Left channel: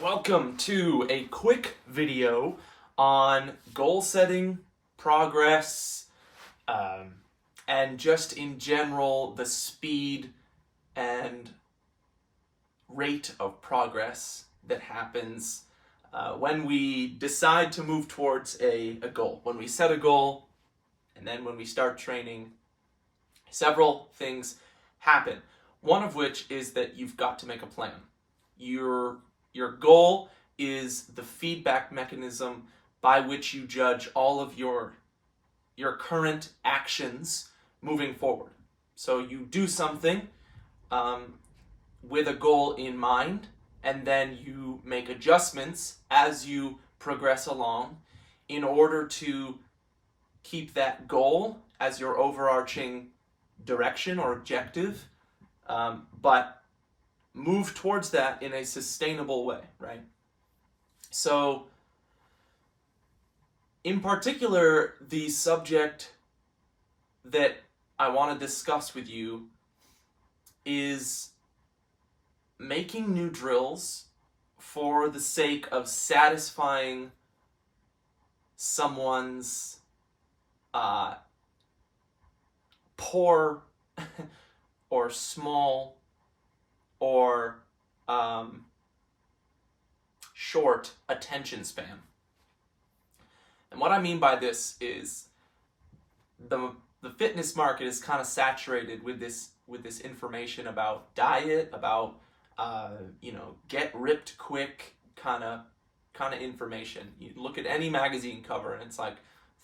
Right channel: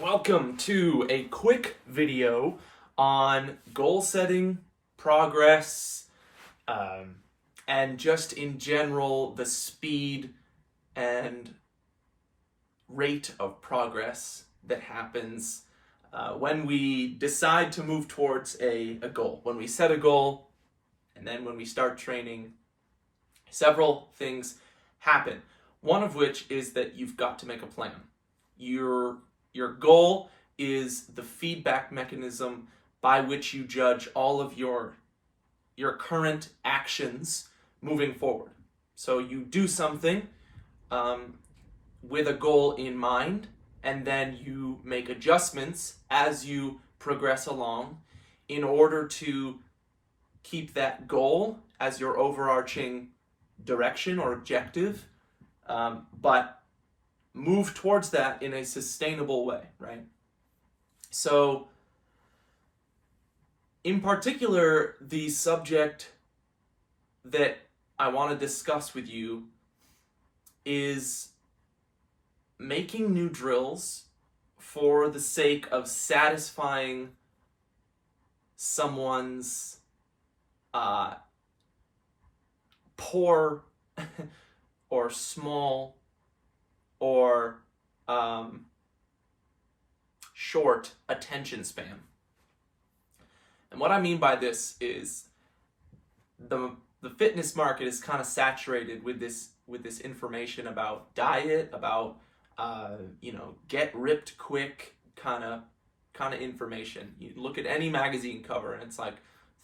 Welcome to a quick video on goal setting, progress, and just in general the speed and rate of progress that happens when we decide to move towards a goal. When we set a goal and then when we start training, several things happen. One of which is that you've got to make a plan. Your goal is the feedback mechanism by which you judge all of your current actions moving forward. So you do something with a goal in mind, and then you make adjustments as you progress along in order to keep that goal as your overarching direction or objective, but move towards that in a sustainable way, right? So, in particular, the subject that I want to discuss with you is making new drills for the sake of satisfying someone's poor or small or short attention span. And what I mean by this is the fitness market is kind of saturated with this information about diet, about get ripped quick kind of information. You look at any magazine cover and it's like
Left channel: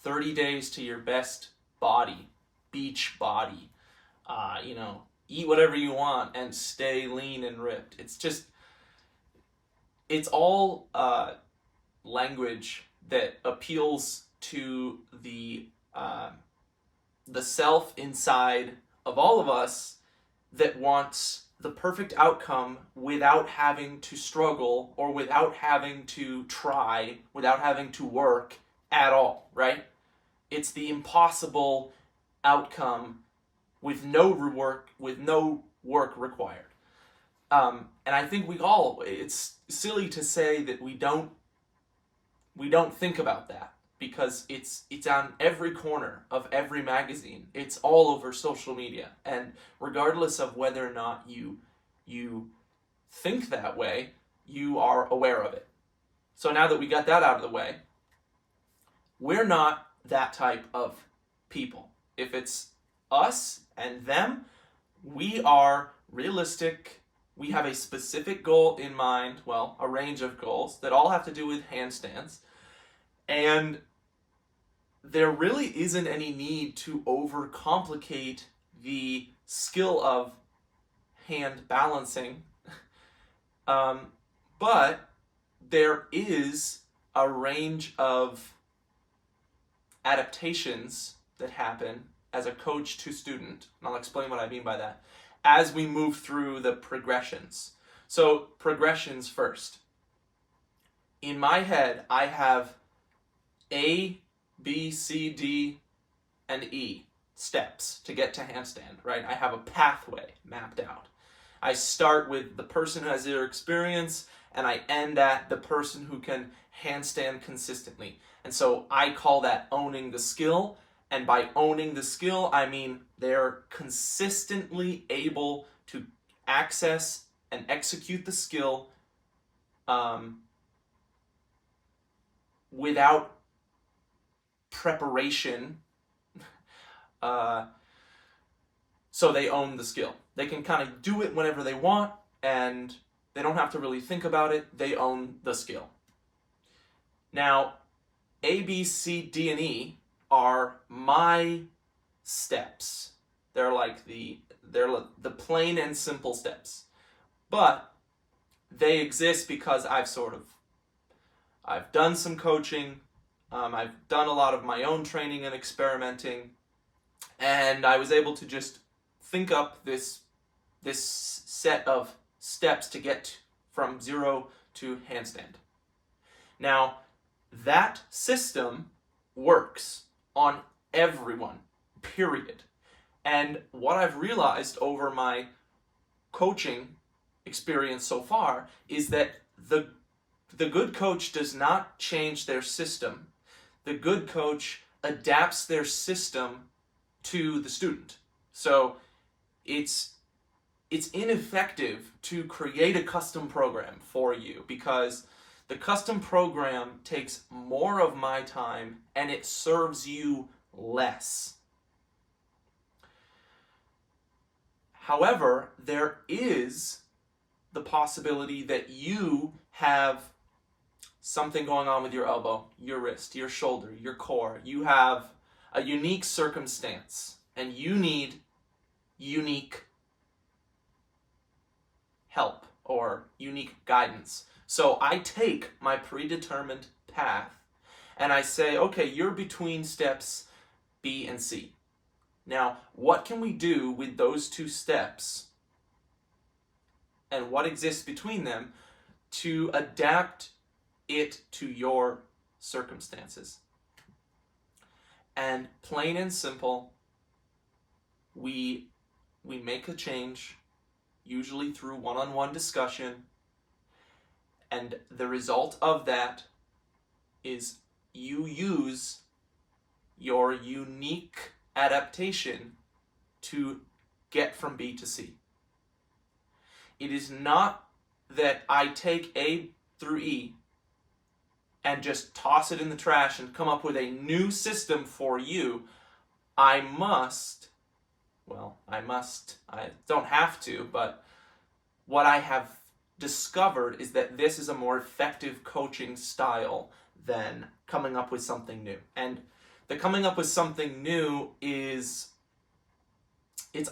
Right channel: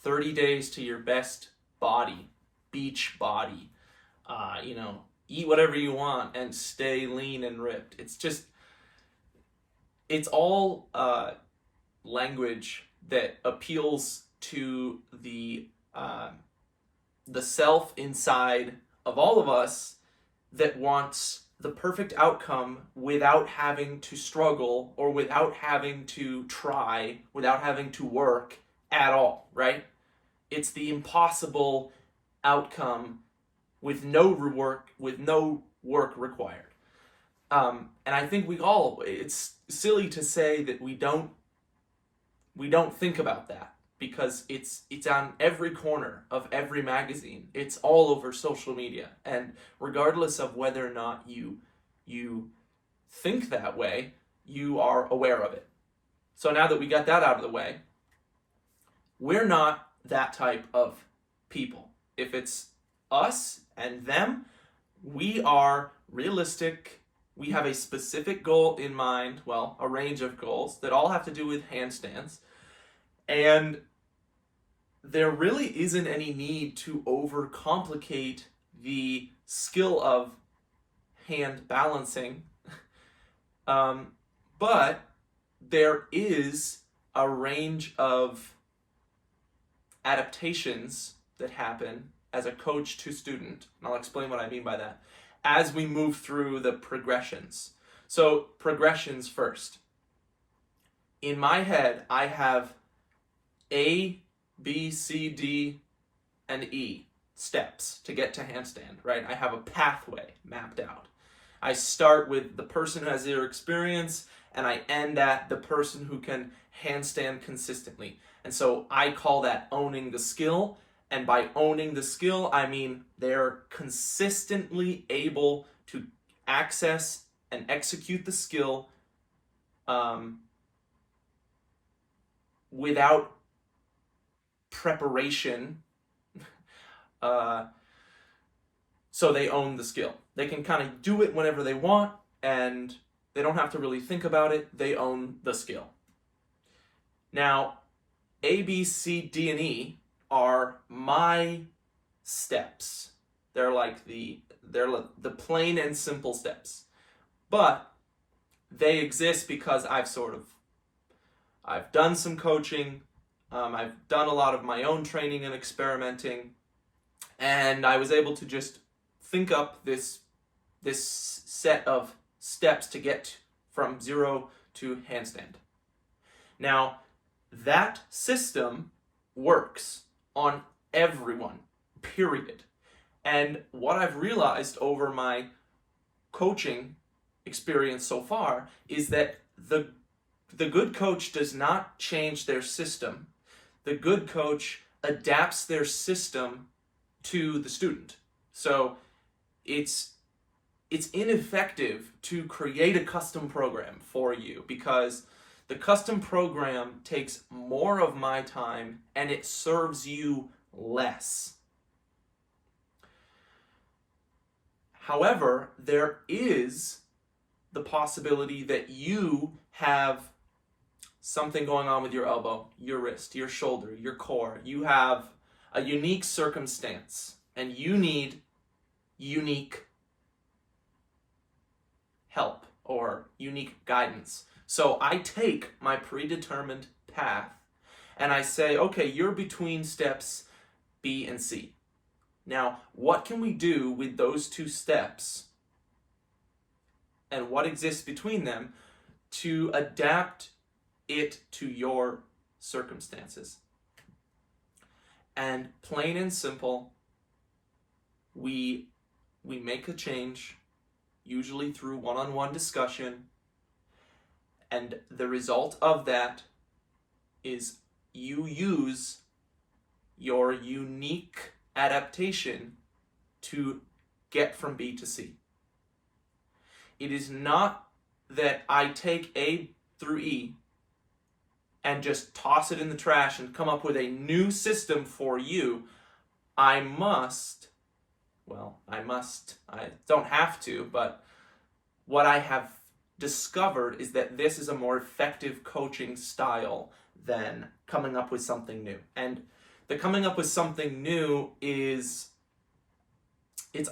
30 days to your best body, beach body, eat whatever you want and stay lean and ripped. It's all language that appeals to the self inside of all of us that wants the perfect outcome without having to struggle or without having to try, without having to work at all, right? It's the impossible outcome with no work required. And I think it's silly to say that we don't think about that, because it's on every corner of every magazine. It's all over social media. And regardless of whether or not you think that way, you are aware of it. So now that we got that out of the way, we're not that type of people. If it's us and them, we are realistic. We have a specific goal in mind, well, a range of goals that all have to do with handstands. And there really isn't any need to overcomplicate the skill of hand balancing. But there is a range of adaptations that happen as a coach to student, and I'll explain what I mean by that, as we move through the progressions. So, progressions first. In my head, I have A, B, C, D, and E steps to get to handstand, right? I have a pathway mapped out. I start with the person who has zero experience, and I end at the person who can handstand consistently. And so I call that owning the skill. And by owning the skill, I mean they're consistently able to access and execute the skill without preparation. So they own the skill. They can kind of do it whenever they want, and they don't have to really think about it. They own the skill. Now, A, B, C, D, and E are my steps. They're the plain and simple steps. But they exist because I've done some coaching, I've done a lot of my own training and experimenting, and I was able to just think up this set of steps to get from zero to handstand. Now, that system works on everyone, period. And what I've realized over my coaching experience so far is that the The good coach does not change their system. The good coach adapts their system to the student. So it's ineffective to create a custom program for you, because the custom program takes more of my time and it serves you less. However, there is the possibility that you have something going on with your elbow, your wrist, your shoulder, your core. You have a unique circumstance and you need unique help or unique guidance. So I take my predetermined path and I say, okay, you're between steps B and C. Now, what can we do with those two steps and what exists between them to adapt it to your circumstances? And plain and simple, we make a change, usually through one-on-one discussion, and the result of that is you use your unique adaptation to get from B to C. It is not that I take A through E and just toss it in the trash and come up with a new system for you. I don't have to, but what I have discovered is that this is a more effective coaching style than coming up with something new. And the coming up with something new it's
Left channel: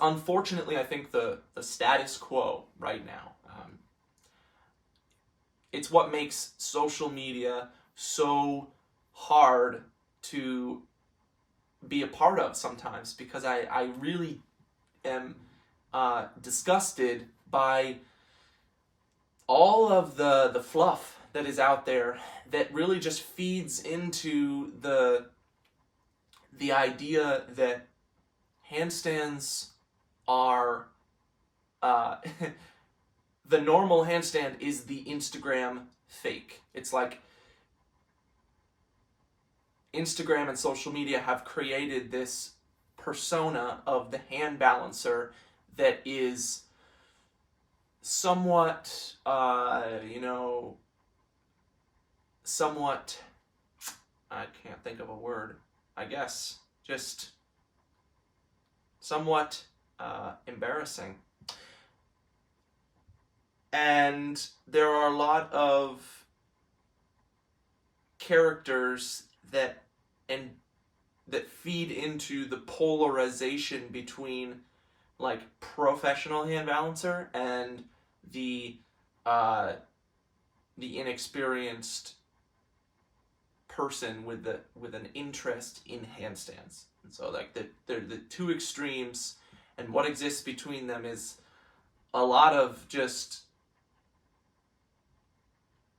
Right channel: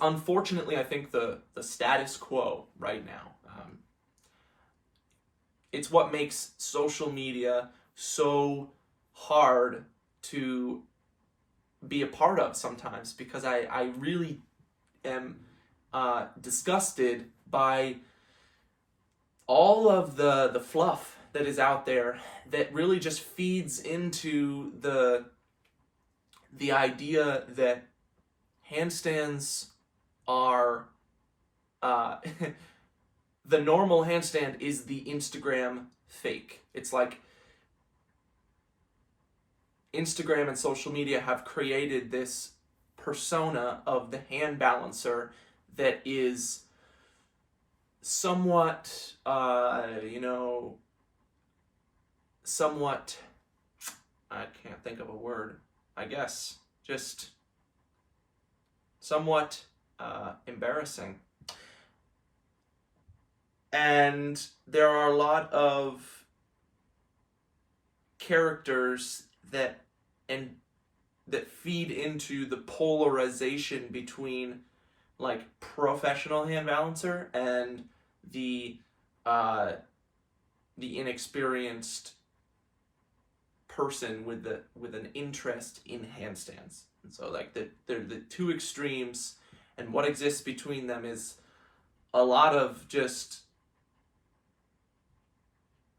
unfortunately, I think, the status quo right now. It's what makes social media so hard to be a part of sometimes, because I really am disgusted by all of the fluff that is out there that really just feeds into the idea that handstands are the normal handstand is the Instagram fake. It's like Instagram and social media have created this persona of the hand balancer that is somewhat, somewhat, I can't think of a word, I guess, just somewhat embarrassing. And there are a lot of characters that feed into the polarization between like professional hand balancer and the inexperienced person with an interest in handstands. And so like they're the two extremes, and what exists between them is a lot of just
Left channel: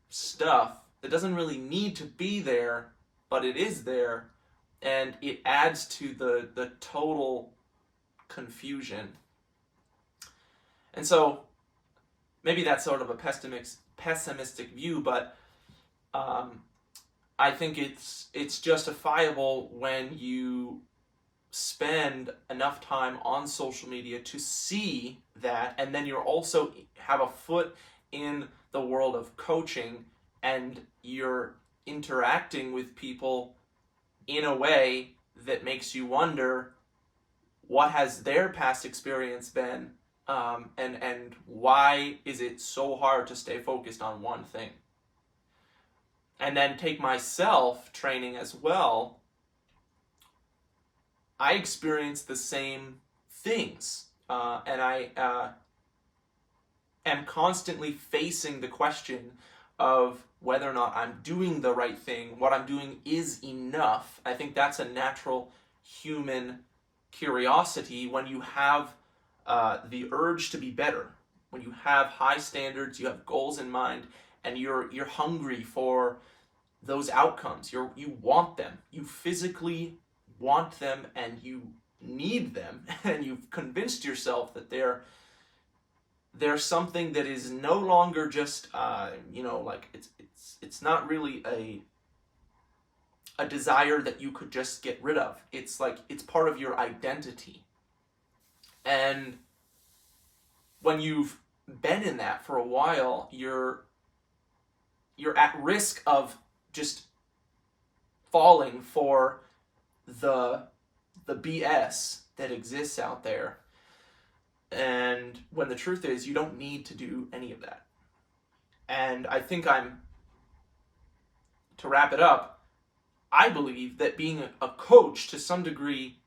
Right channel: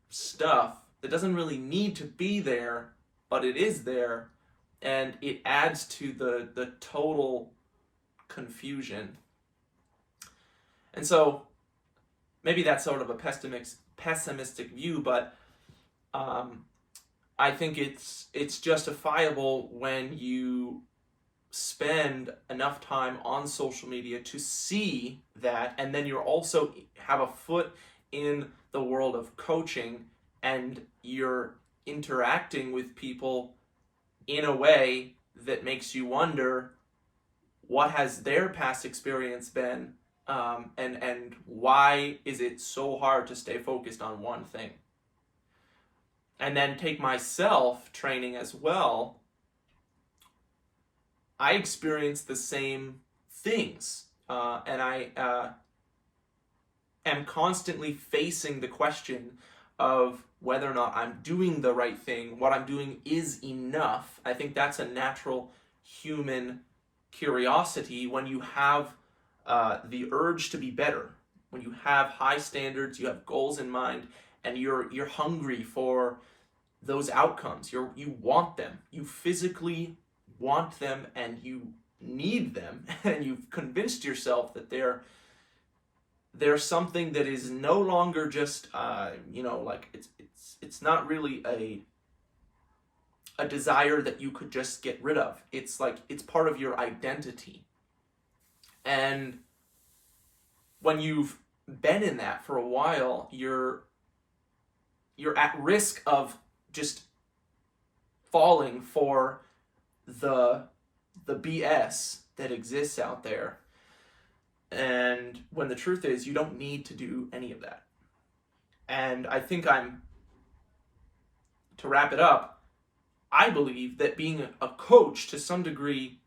stuff that doesn't really need to be there, but it is there, and it adds to the total confusion. And so maybe that's sort of a pessimistic view, but I think it's justifiable when you spend enough time on social media to see that, and then you're also have a foot in the world of coaching, and you're interacting with people in a way that makes you wonder what has their past experience been, and why is it so hard to stay focused on one thing. And then take myself training as well. I experience the same things, and I am constantly facing the question of whether or not I'm doing the right thing, what I'm doing is enough. I think that's a natural human curiosity when you have the urge to be better, when you have high standards, you have goals in mind, and you're hungry for those outcomes. You want them. You physically want them, and you need them, and you've convinced yourself that They're something that is no longer just, like it's not really a desire that you could just get rid of. It's like it's part of your identity. And when you've been in that for a while, you're at risk of just falling for the BS that exists out there. And when the truth is, you don't need to do any of that. And I think to wrap it up, I believe that being a coach to some degree,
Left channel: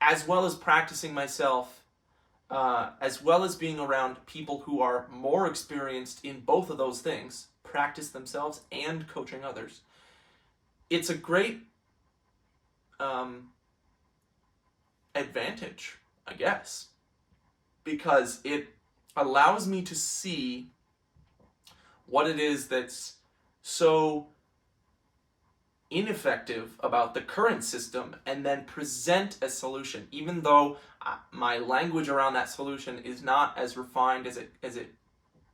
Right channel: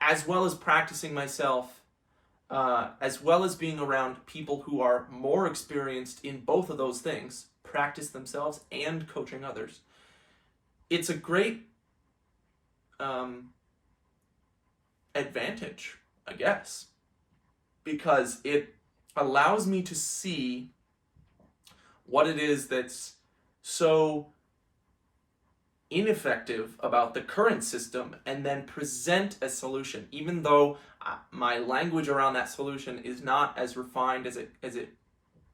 as well as practicing myself, as well as being around people who are more experienced in both of those things, practice themselves and coaching others, it's a great advantage, I guess, because it allows me to see what it is that's so ineffective about the current system and then present a solution, even though my language around that solution is not as refined as it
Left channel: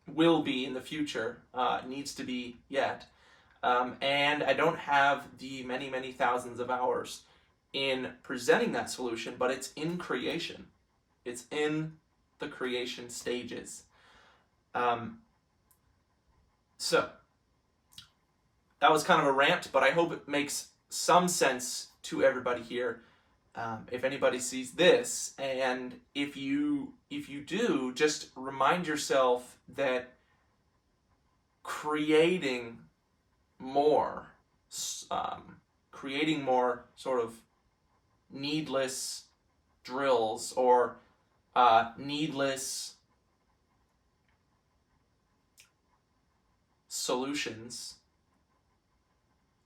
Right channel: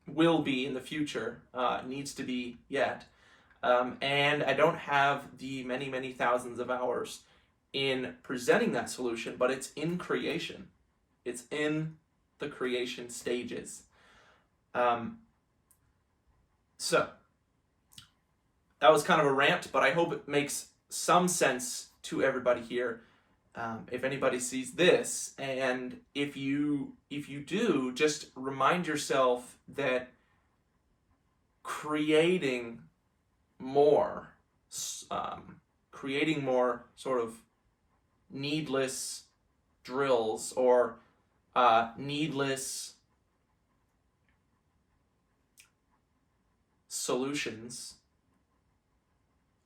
will be in the future, needs to be yet, and I don't have the many thousands of hours in presenting that solution, but it's in creation. It's in the creation stages. So that was kind of a rant, but I hope it makes some sense to everybody here. If anybody sees this, and if you do, just remind yourself that creating more sort of needless drills or needless solutions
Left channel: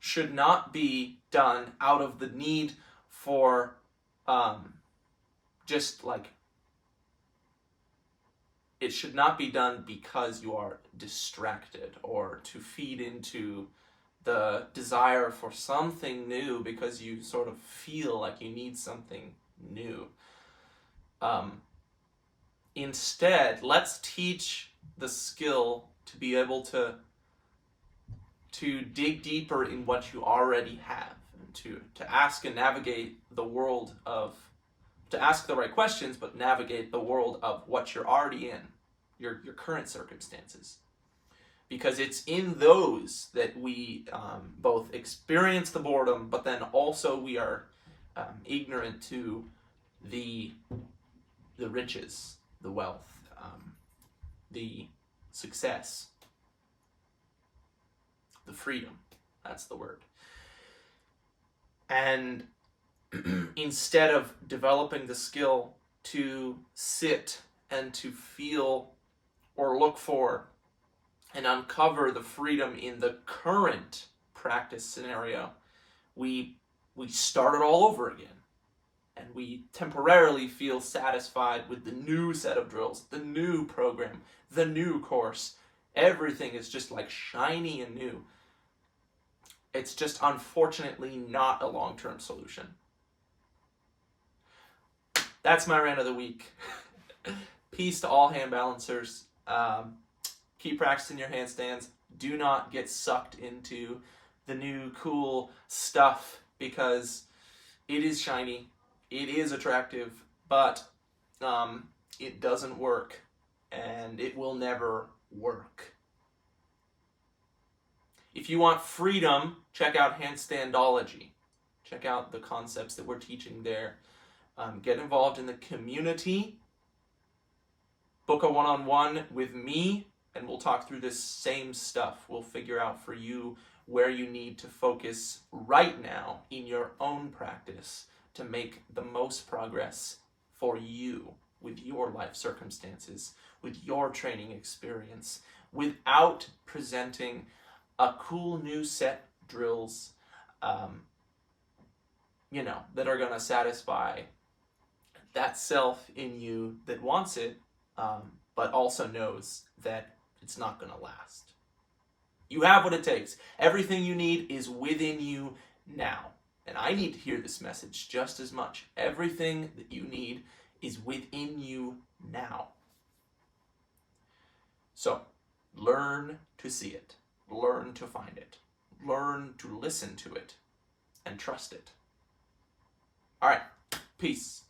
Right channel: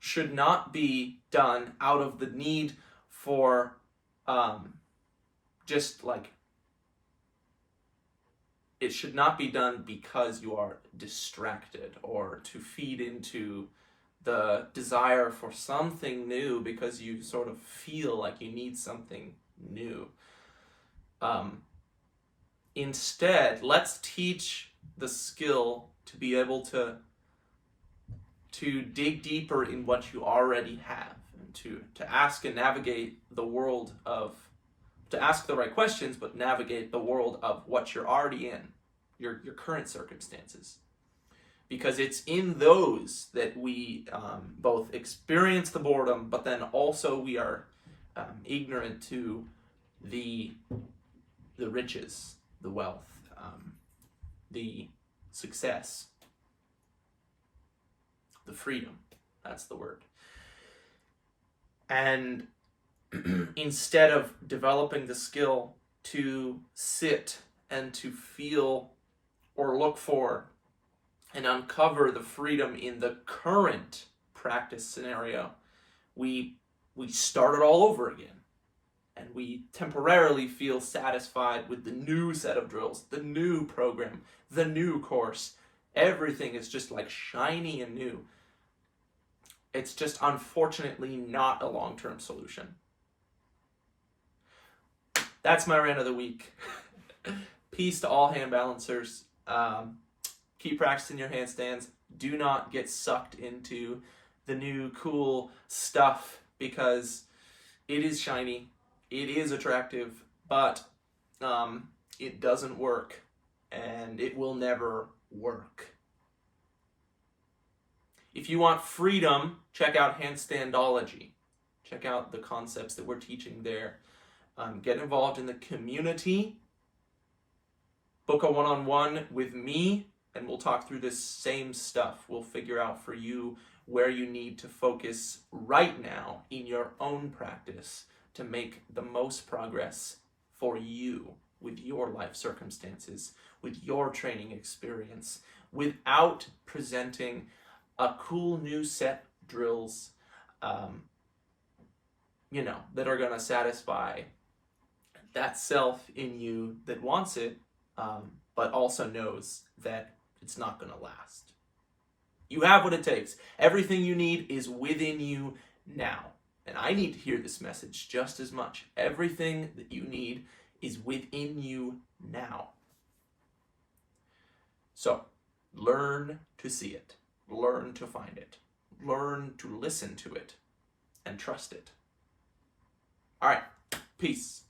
should not be done out of the need for just like, it should not be done because you are distracted or to feed into the desire for something new because you sort of feel like you need something new. Instead, let's teach the skill to be able to dig deeper in what you already have, and to ask and navigate the world of, to ask the right questions, but navigate the world of what you're already in, your current circumstances. Because it's in those that we both experience the boredom, but then also we are ignorant to the riches, the wealth, the success, the freedom. That's the word. And instead of developing the skill to sit and to feel or look for and uncover the freedom in the current practice scenario, we start it all over again. And we temporarily feel satisfied with the new set of drills, the new program, the new course. Everything is just like shiny and new. It's just unfortunately not a long-term solution. That's my rant of the week. Peace to all hand balancers. Keep practicing your handstands. Do not get sucked into the new cool stuff because it is shiny, it is attractive, but it doesn't work, and it will never work. If you want freedom, check out Handstandology. Check out the concepts that we're teaching there. Get involved in the community. Book a one-on-one with me, and we'll talk through this same stuff. We'll figure out for you where you need to focus right now in your own practice to make the most progress for you with your life circumstances, with your training experience, without presenting a cool new set of drills, that are going to satisfy that self in you that wants it, but also knows that it's not going to last. You have what it takes. Everything you need is within you now. And I need to hear this message just as much. Everything that you need is within you now. So, learn to see it, learn to find it, learn to listen to it, and trust it. All right, peace.